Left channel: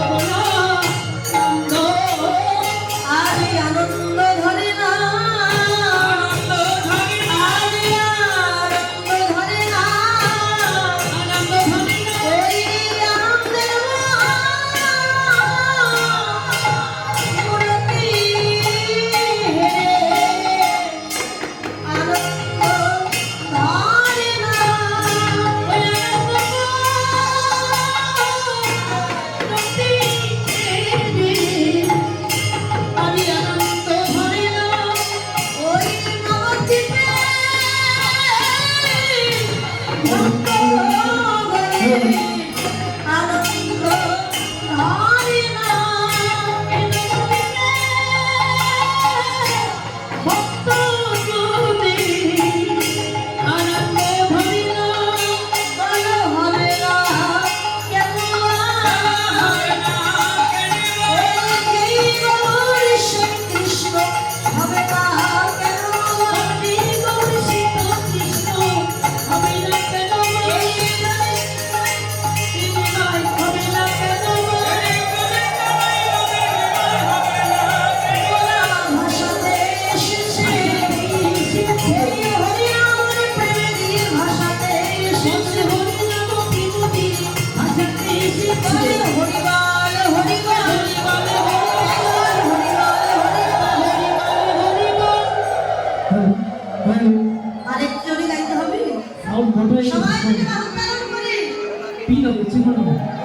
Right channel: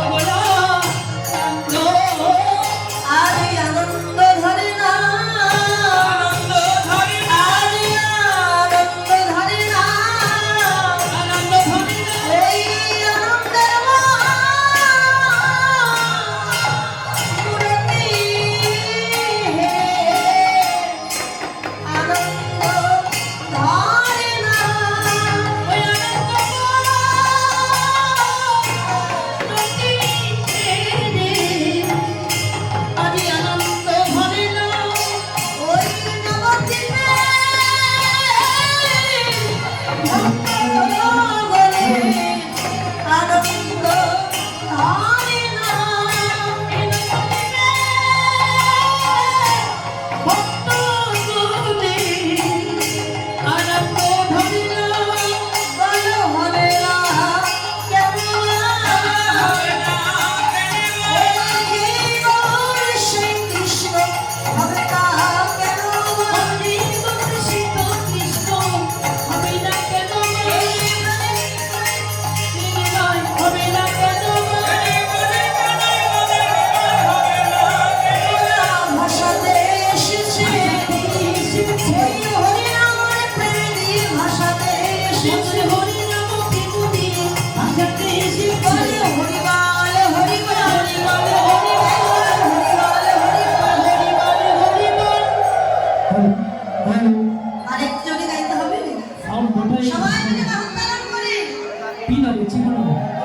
감사합니다. B나 예측하는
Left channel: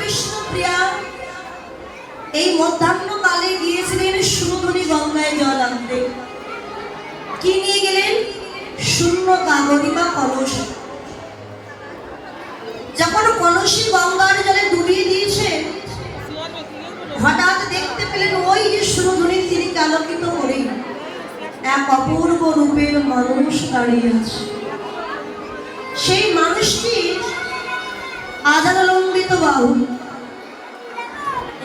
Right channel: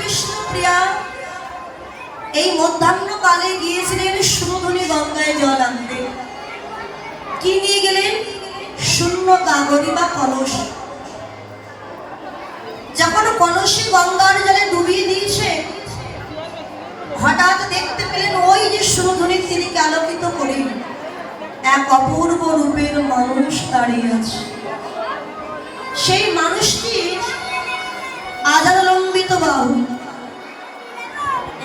Bishnupriya এই মধ্যাহ্নকালে গিয়েছিলেন সুমধুনী গঙ্গায় জল আনতে কি নিয়ে গেলেন? শূন্য কাগরি বা কলস। যখন কলসি গঙ্গার জলে ডুবিয়ে দিয়েছে, হঠাৎ দেখতে পেলেন ওই যে সুমধুনী তিনিকে আলোকিত করে এক অপূর্ব রূপের মানুষ দাঁড়িয়ে আছে। সেই মানুষটি বাহু।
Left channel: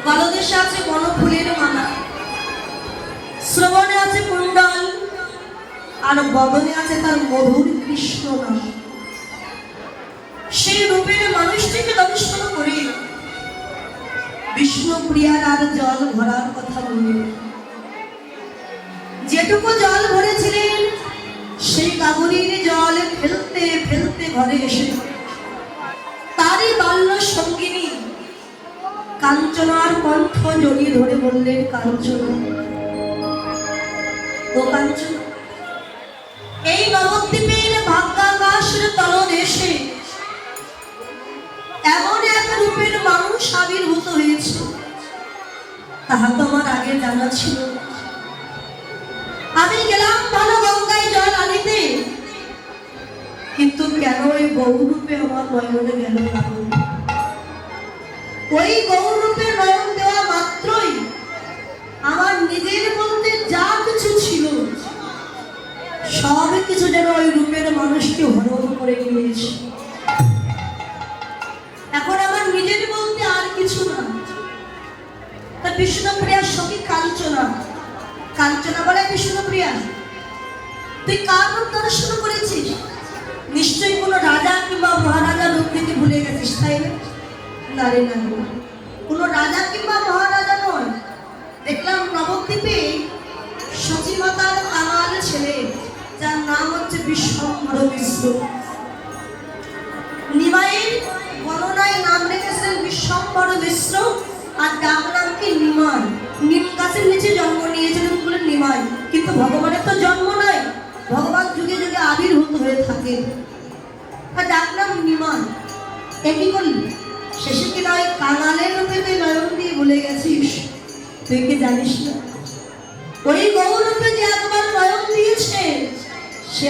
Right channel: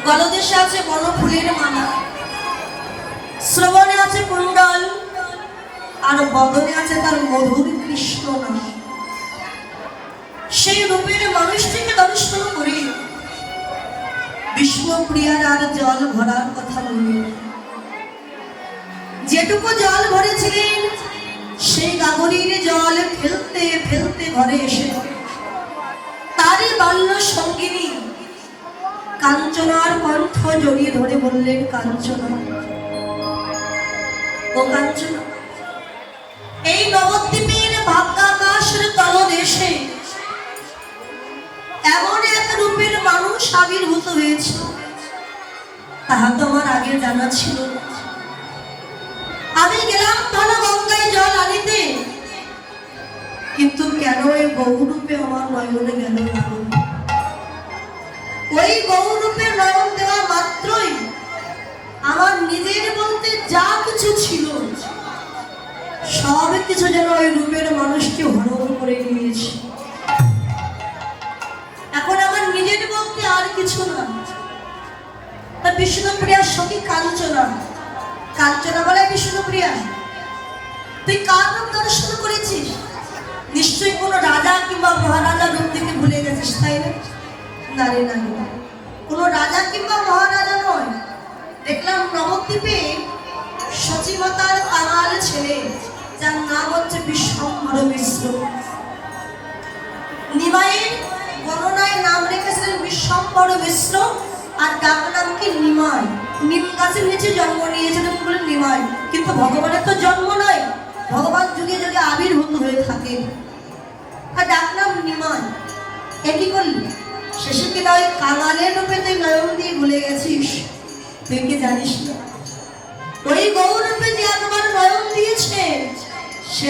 গলদেশে আছে বনফুলের মালা। শ্রবণে আছে কুণ্ডল। আর বদনে আছে তার মধুর কৃষ্ণ সেই রূপের মানুষটিকে দর্শন করি। বিষ্ণুপ্রিয়ার আর জল ভরার কথা নেই। যেটুকু জল ভরেছিলেন, সেই কাগরির জল ফেলতে ফেলতে ঘরে এসে বললেন কাঞ্চনা ও কাঞ্চনা এই নবদ্বীপের ভাগ্যাকাশের এমন এক রূপের মানুষ আবির্ভূত হয়েছে। তাহা তো আমার আগে জানা ছিল। আমি গেলাম ভালো গঙ্গায় জল আনিতে। কিন্তু কেন ওই বহুরূপে আমার নয়নে গেল ওই বহুরূপে নয়ন দেওয়া মাত্রই আমার নিজের বলতে যা কিছু ছিল, সব কিছু যেন ওই রূপের মানুষকে হরণ করে নিয়েছে। এখন আমার নিজের বলতে আর কিছু না। তা বিষ্ণুপ্রিয়ার সখী কাঞ্চনা। কাঞ্চনা বলে বিষ্ণুপ্রিয়া। তুই কার রূপ দর্শন করেছিস? নিশ্চয়ই কোনো রাজা কিংবা মহারাজার রূপ থেকে ভুলে গেছিস, তাই না? না না হচ্ছে বিশ্বম্বর মিশ্র জন্ম নাই। ভগবান যুগে যুগে আবির্ভূত হয়ে থাকে আর ডাক নাম এ কি করলি? শেষে কি নয় কাঙালের রূপে তুই নয়ন দিয়ে ভুলে গেছিস? তুই কি জানিস না? সে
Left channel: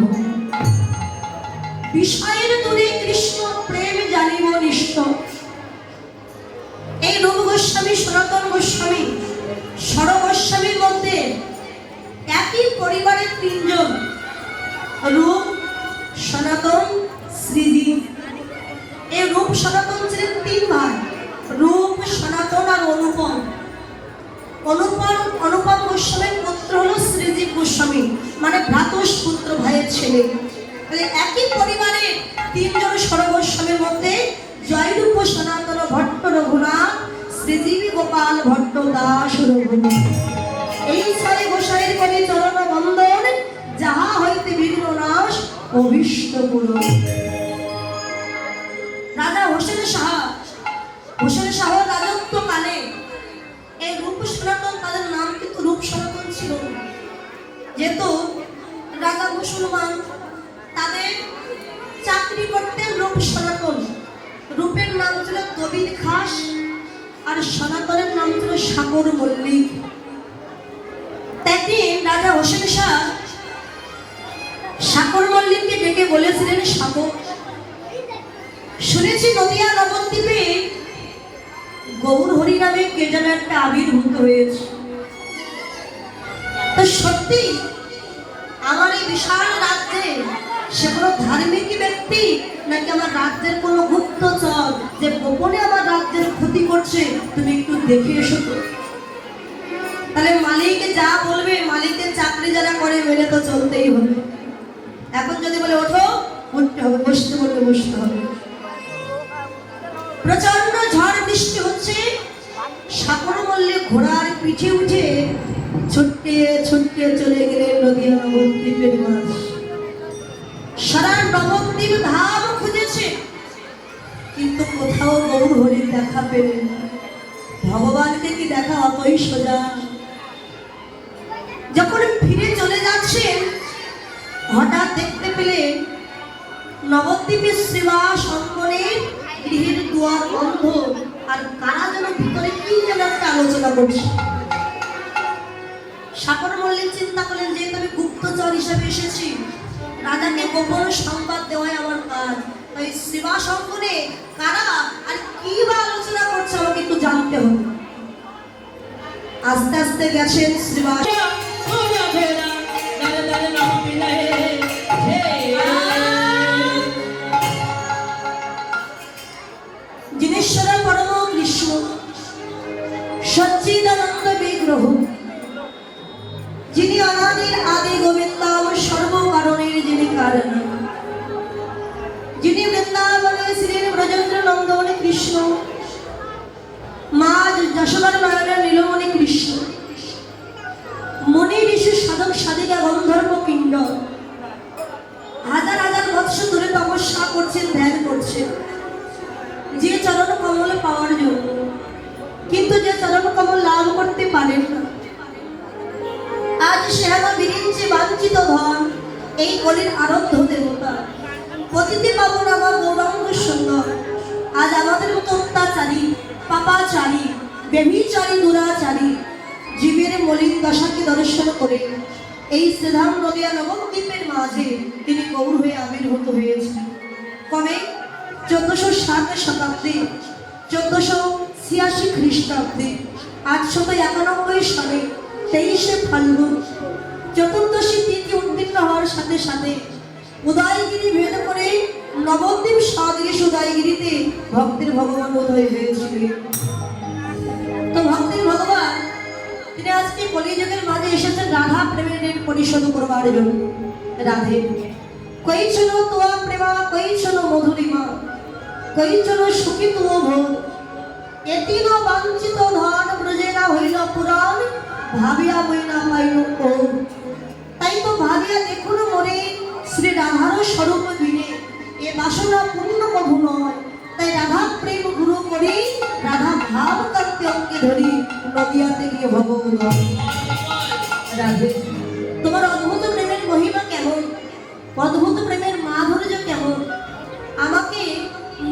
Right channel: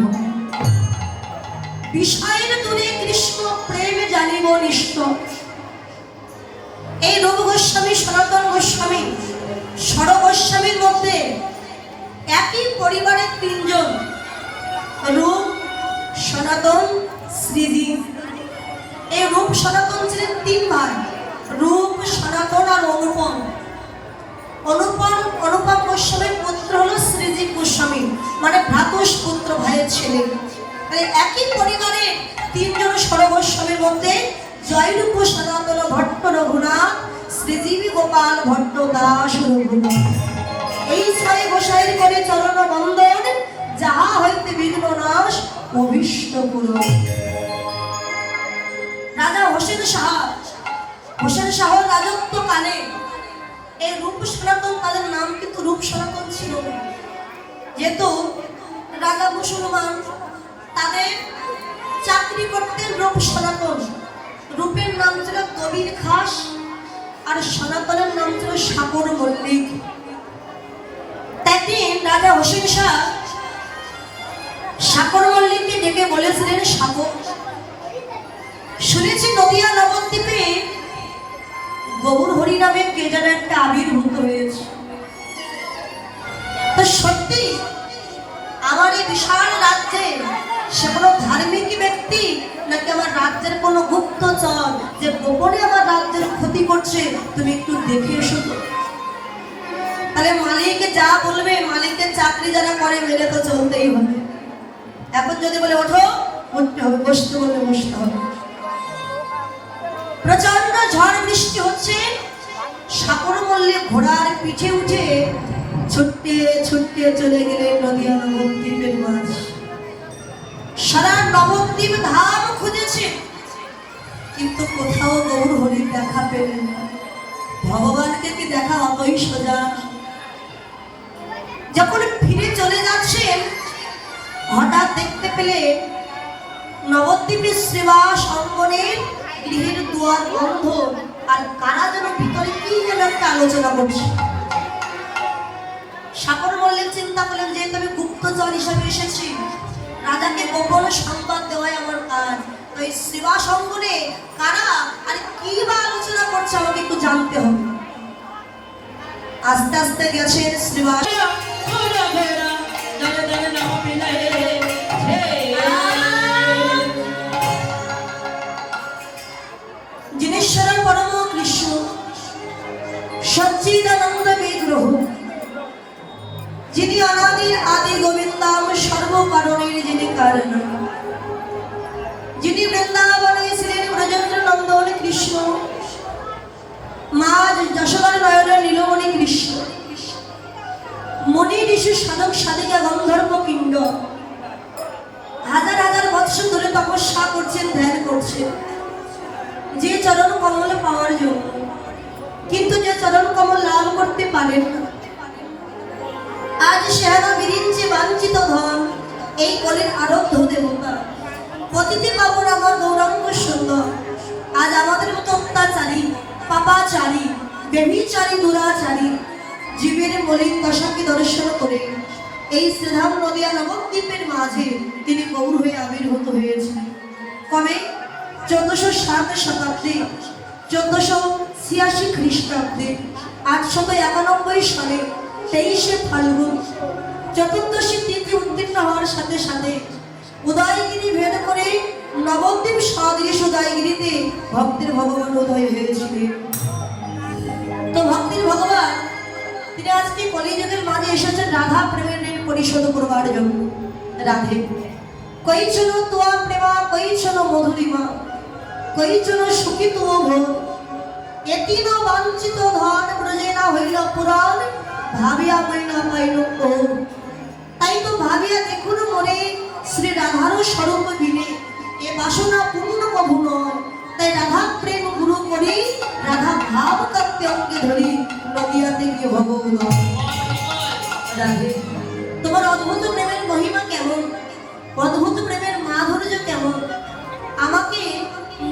নাহি বিষয়ের দূরে কৃষ্ণ প্রেম জানিব নিষ্ঠ। এই রূপ গোস্বামী সনাতন গোস্বামী সর মধ্যে একই পরিবারের এই ছয় গোসাইয়ের করে চরণ বন্দন যাহা হইতে বিঘ্ন নাশ, অভিষ্ট গুরু রাজা হোসেন শাহ হোসেন শাহ রাজত্ব কালে এই রূপ সনাতন তাদের নাম কিন্তু রূপ সনাতন ছিল। যেহেতু রাজা মুসলমান, তাদের চাকরি করতেন রূপ সনাতন। রূপের নাম ছিল কবির খাস। আর সনাতনের নাম ছিল সাগর মল্লিক। তাই রাজা হোসেন শাহ সাগর মল্লিককে ডেকে বলেছিলেন, সাগর, শুনেছি নদিয়া নবদ্বীপে গৌর হরি নামে কে যেন একটা আবির্ভূত হয়েছে। তো সত্যি আমার এই বিশাল রাজ্যে সে কোনো ধার্মিক ব্যক্তি নাকি আমার রাজ্যের কোনো গুপ্তচর যে গোপনে আমার রাজ্যের ক্ষতি করছে, তুমি একটু দেখে এসো তো। তাহলে মালিককে যা বলবে মালিকদের চাকরি যারা করে, মেনে তো চলতেই হবে। এখন যদি বলে, ওঠো, উঠতে হবে, বসতে বসতে হবে। প্রচণ্ড ঝড় বৃষ্টি হচ্ছে, সাগর মল্লে ঘোড়ার পিঠে উঠে ছুটতে ছুটতে চলে গেলে নদী নবদ্বীপের মাঝ সারা নবদ্বীপ ধাম খুঁজেছে। কিন্তু কোথাও গৌর হরির দেখা পেলেন ভগবানকে কি দেখা অতই সোজা? যখন ফিরে চলে যাচ্ছেন হঠাৎ দেখতে পেলে নবদ্বীপের শ্রীবাস অঙ্গনের গৃহের দুয়ার বন্ধ। আর কারা যেন ভিতরে কি যেন একটা আলোচনা করছে। সাগর মল্লিক চিন্তা করলেন যে আমি গুপ্তচর হিসাবে এসেছি। রাজাকে গোপন সংবাদ দেওয়াই আমার কাজ তাই সেবা সঙ্গনে কারা আর কি বা আলোচনা করছে আমাকে একটু জানতে হবে আস্তে আস্তে গেছেন শ্রীবাস এই কলির আরব্ধ দেবতা পতিতে পাবন আমার গৌরাঙ্গ সুন্দর। আজ আমাদের মতো অত্যাচারী পাপাচারী বেবিচারী দুরাচারী জীবের মলিন দশাকে দর্শন করে এই শ্রীধাম নদিয়া নবদ্বীপের মাঝে তিনি গৌর হয়ে আবির্ভূত হয়েছেন। কবে? চোদ্দশো সাত শতাব্দী চোদ্দশো ছিয়াশি খ্রিস্টাব্দে, আটশত একানব্বই সালে তেইশে ফাল্গুন, চতুর্দশী উত্তীর্ণ হওয়ার সাথে সাথে উদয়গিরি ভেদ করে নবদ্বীপ সদৃশ উদয়গিরিতে ভক্তের ভগবান উদয় হয়েছিলেন। তো ভগবান, তিনি আজকে কলিযুগের মাঝে এসেছেন রাধা প্রেমের পরিশোধ করবার জন্য। রাধে কৈচন তোয়া প্রেমা কৈচন মধুরিমা কৈচন সুখী তুম ভোর এতিন বাঞ্ছিত ধন ব্রজেনা হইল পুরাণ, ভাবিয়া মইনা পাইল তাই তো ভাবিয়া মনে শ্রী রাধার স্বরূপ বিনে এ বাসনা পূর্ণ কভু নয় তাই রাধা প্রেম গুরু করি রাধা ভাব তত্ত্বে অঙ্কে ধরি নদিয়াতে গিয়ে ভগবান রাধে, তোমার অদ্ভুত প্রেমের মহিমা কেমন? অদ্ভুত প্রেমের মাধুর্য কেমন? আমাকে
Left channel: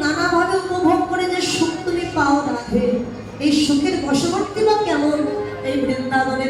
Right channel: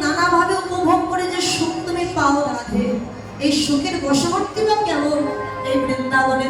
নানাভাবে উপভোগ করে যে সুখ তুমি পাও রাধে, এই সুখের বশবর্তী বা কেমন? এই বৃন্দাবনে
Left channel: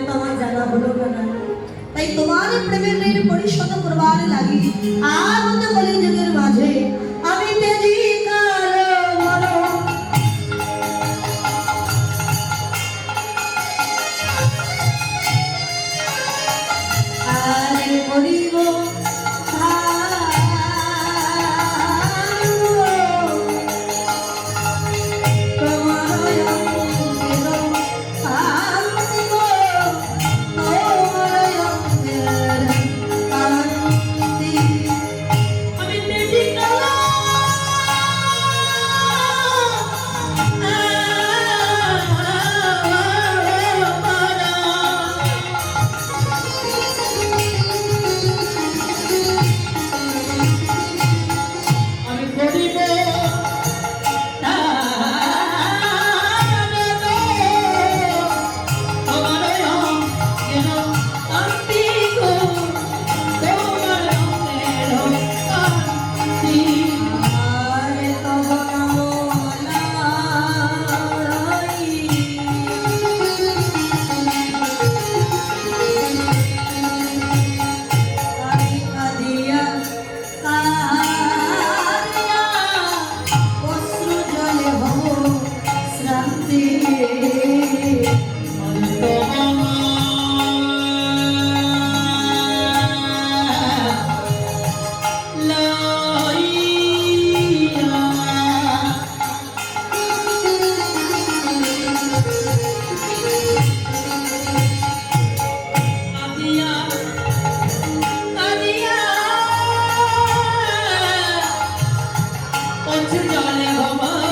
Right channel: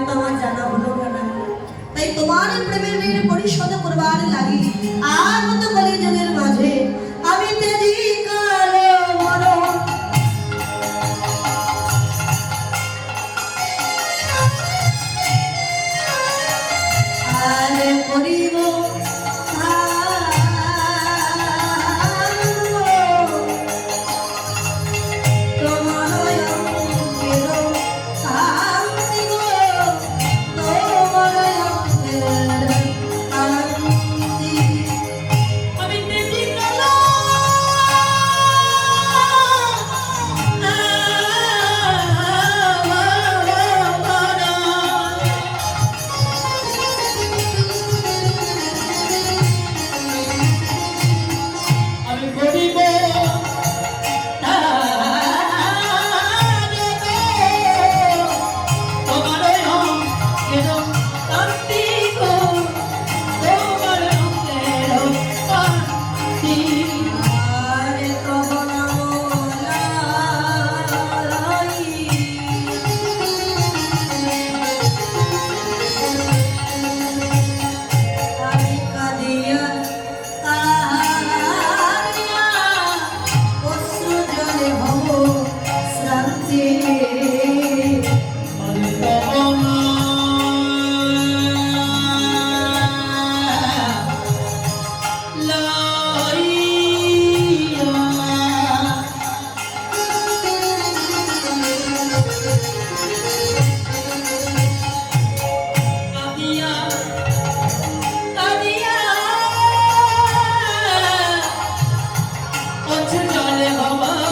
जय गमा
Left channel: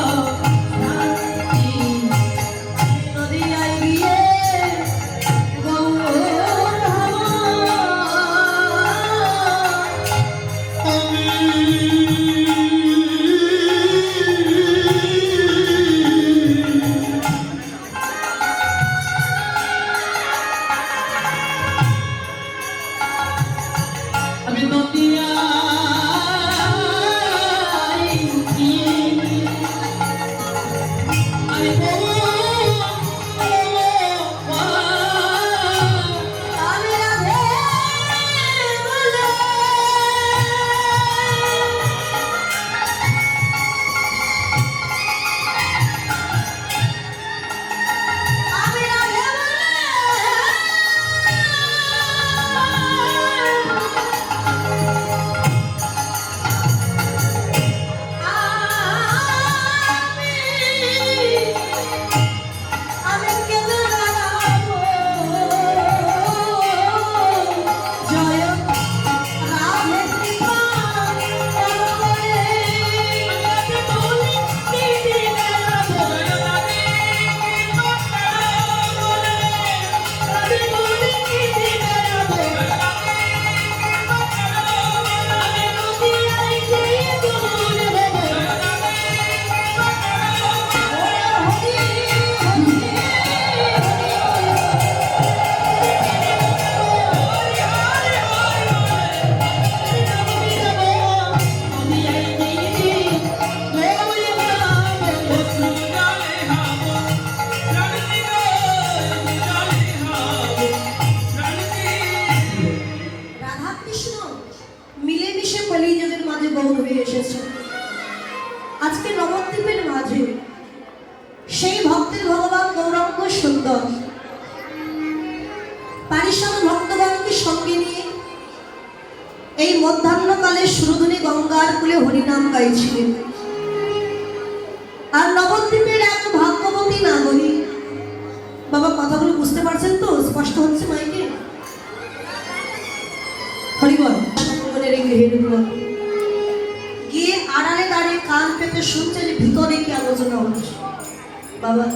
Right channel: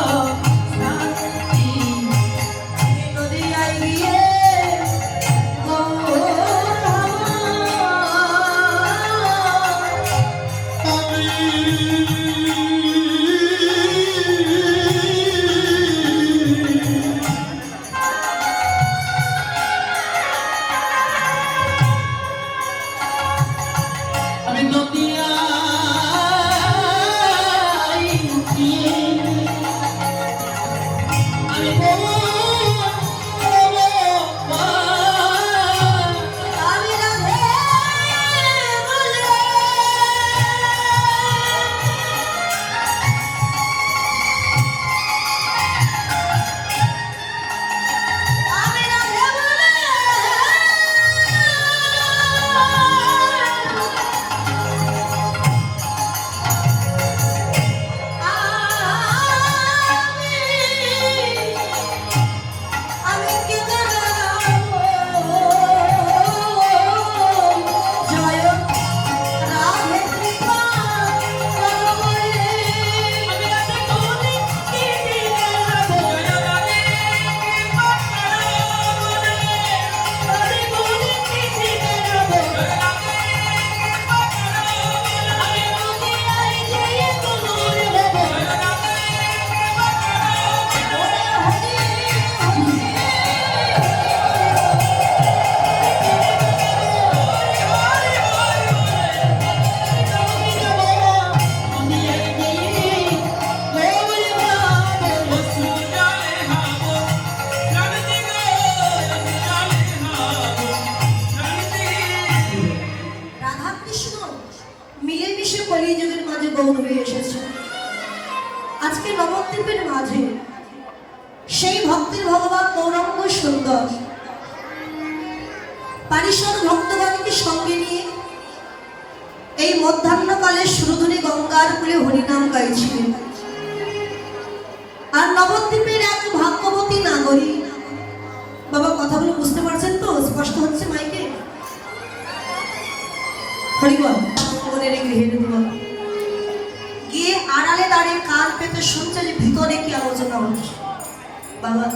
বাবা,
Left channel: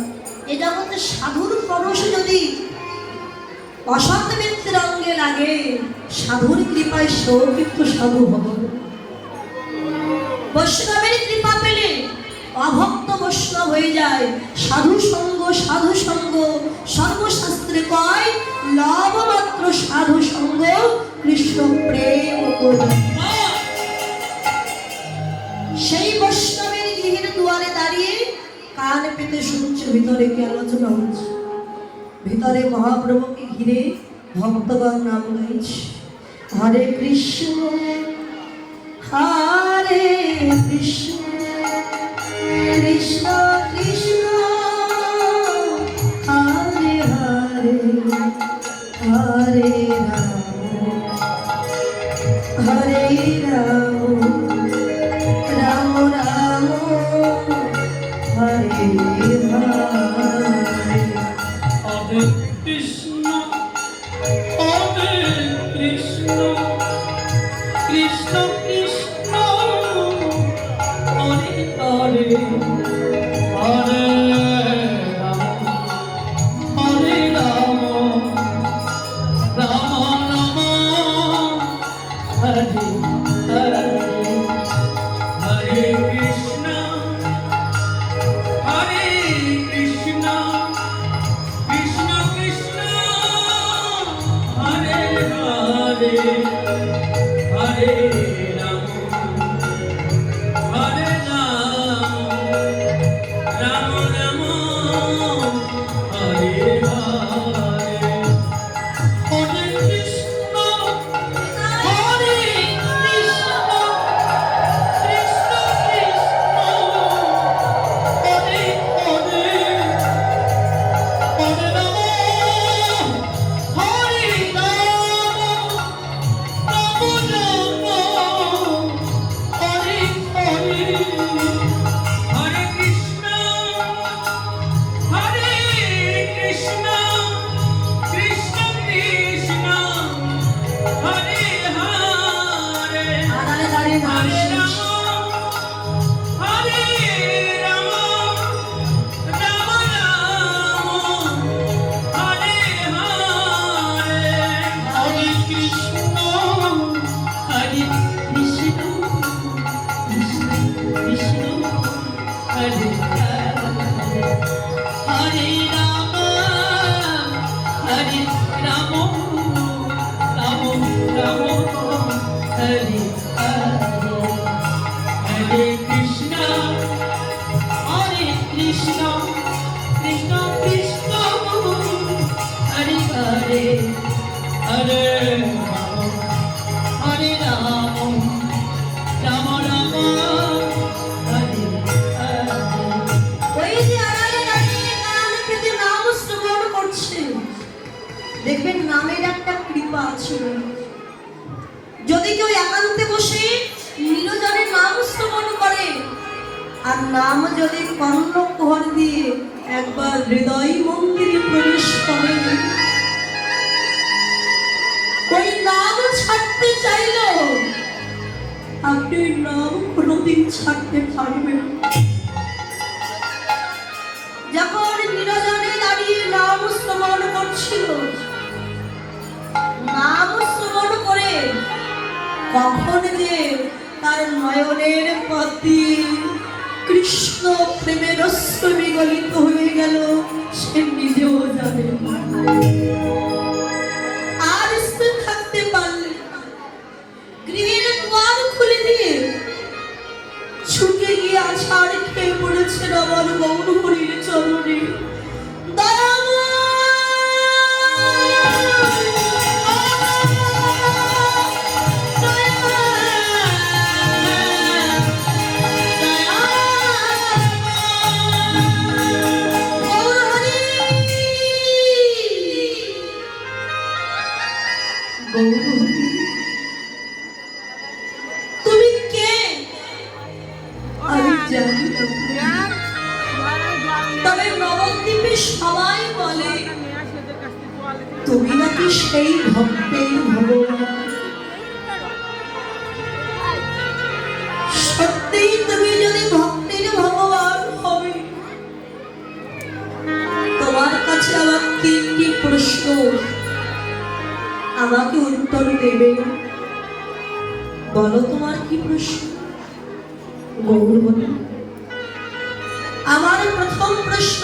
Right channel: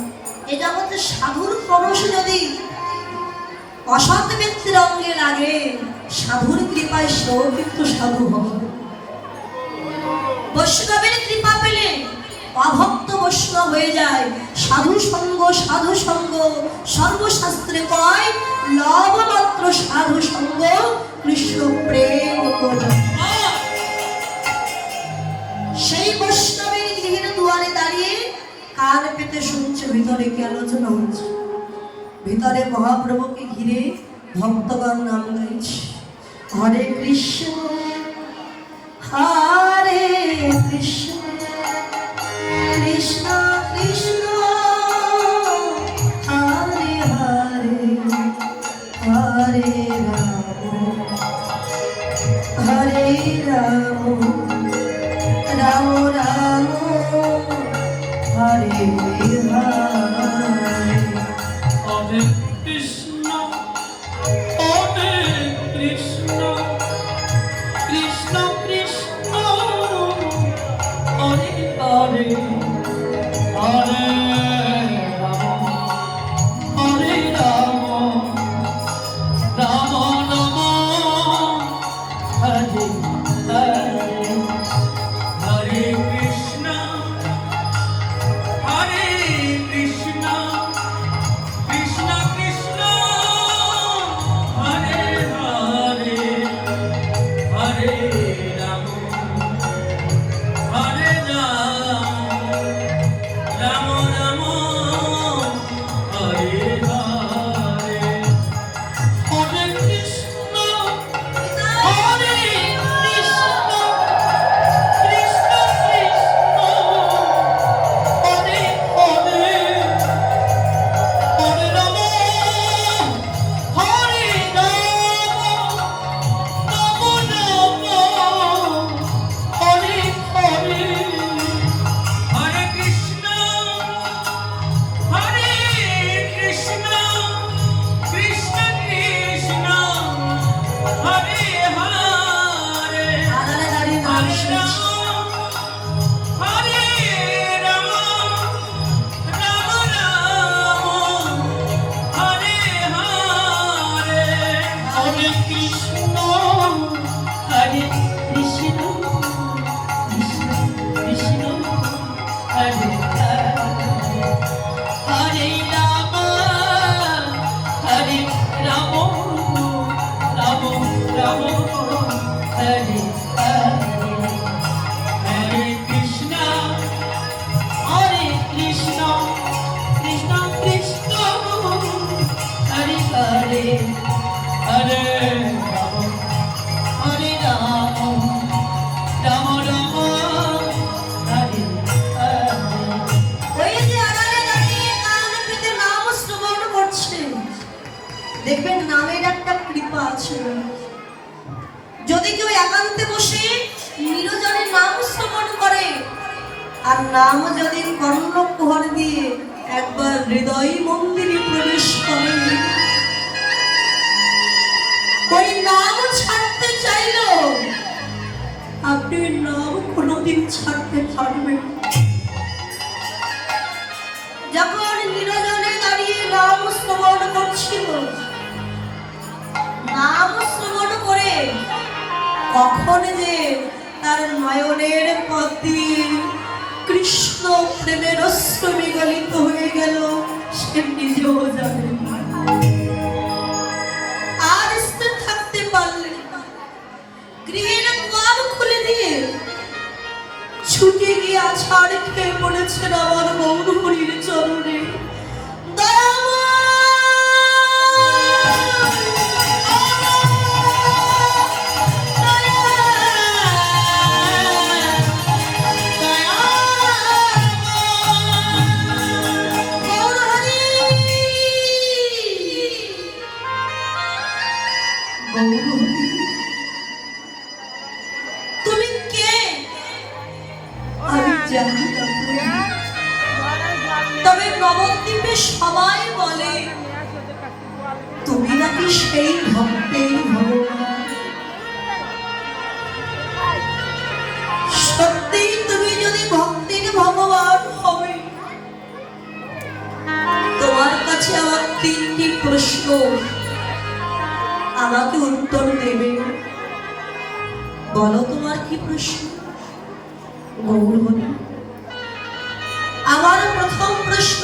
এ জগতে সাধুর পরশ যদি অসৎ ব্যক্তির অঙ্গে লাগে, সাধুর কৃপায় সেও কিন্তু সাধু হবে। বৈষ্ণবের কৃপা পেলে অভক্ত বৈষ্ণব হয়ে যায়। সাধু সঙ্গ সাধু সঙ্গ, সর্বশাস্ত্রে কয় লব মাত্র সাধু সঙ্গ, কৃষ্ণ প্রেম সেই পেতে শুনছে, ভিতরে কি আলোচনা হচ্ছে? ভিতরে মহাপ্রভুকে ঘিরে ভক্তগণ নাম গাইছে। হরে কৃষ্ণ হরে কৃষ্ণ কৃষ্ণ নাম যদি কর্ণকুহর দিয়ে একবার হৃদয় মন্দিরে প্রবেশ করে ওই নাম ছাড়তে চাইল। আপনি নাম কোনোদিন ছাড়তে পারবেন যখন নিরজনে দাঁড়িয়ে নাম শ্রবণ করছিল, নাম শ্রবণ করে কখন যে তার নয়নের প্রতি কৃষ্ণ প্রেমের অস্ত্র বিগলিত হয়ে গেল সে নিজেও জানে উত্তর দেবে? বলো তোমার কি প্রশ্ন? গৌর বলে আমার প্রথম প্রশ্ন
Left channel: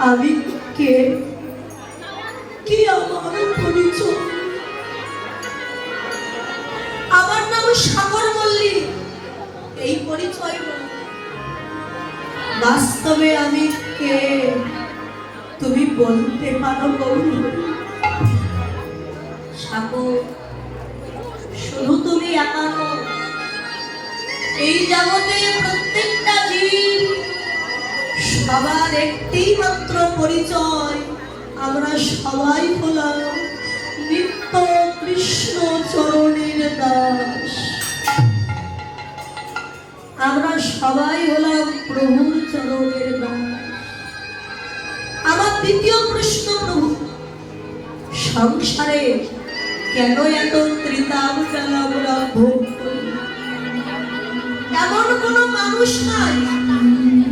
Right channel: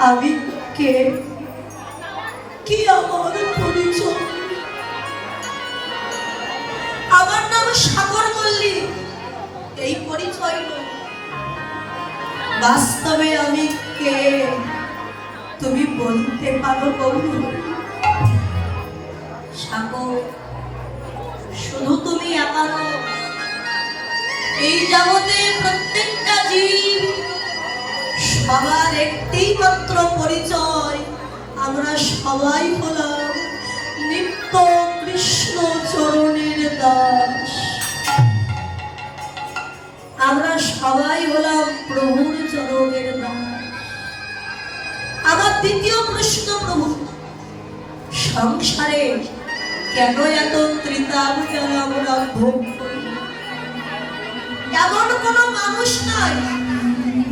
আমি কে? আমরা সবাই হলাম প্রভুর চরণের আমার দ্বিতীয় প্রশ্ন, প্রভু, সংসারে কেন এত ত্রিতাল আমরা ভোগ এমন কোনো মানুষ নাই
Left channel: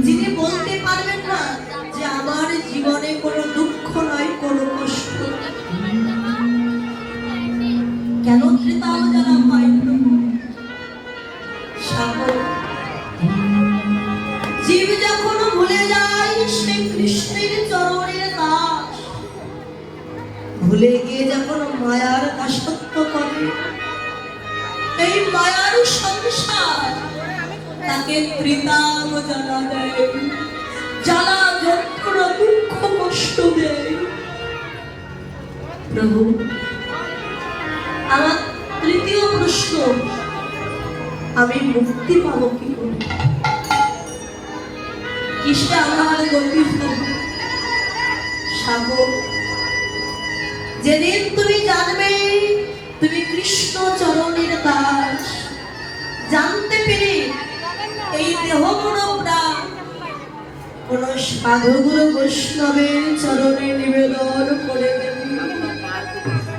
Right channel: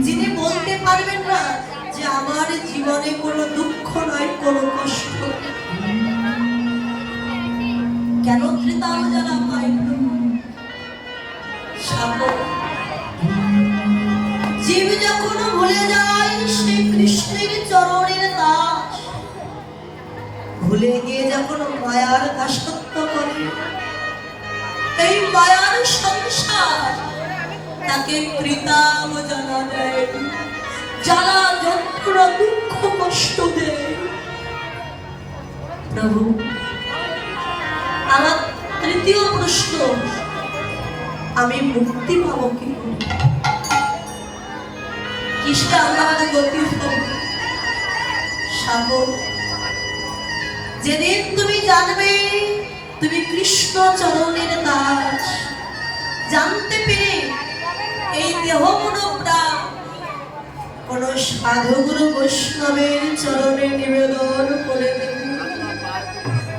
যিনি বলতে পারবেন না যে আমার জীবনে কোনো দুঃখ নয়, কোনো কষ্ট। কেন ত্রিতাল যারা পাই জ্বালা দেয়, জ্বালা যন্ত্রণা, দুঃখ কষ্ট দেয়। প্রভু, আমার তৃতীয় প্রশ্ন, আমি মুক্তি পাবো কি? আমার গতি সাগর, যেদিন তুমি জানবে সাধুগুরু বৈষ্ণবের চরণে নিবেদন করে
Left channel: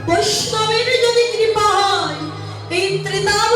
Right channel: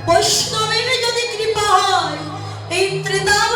বৈষ্ণবের যদি কৃপা হয় এই ত্রিতাব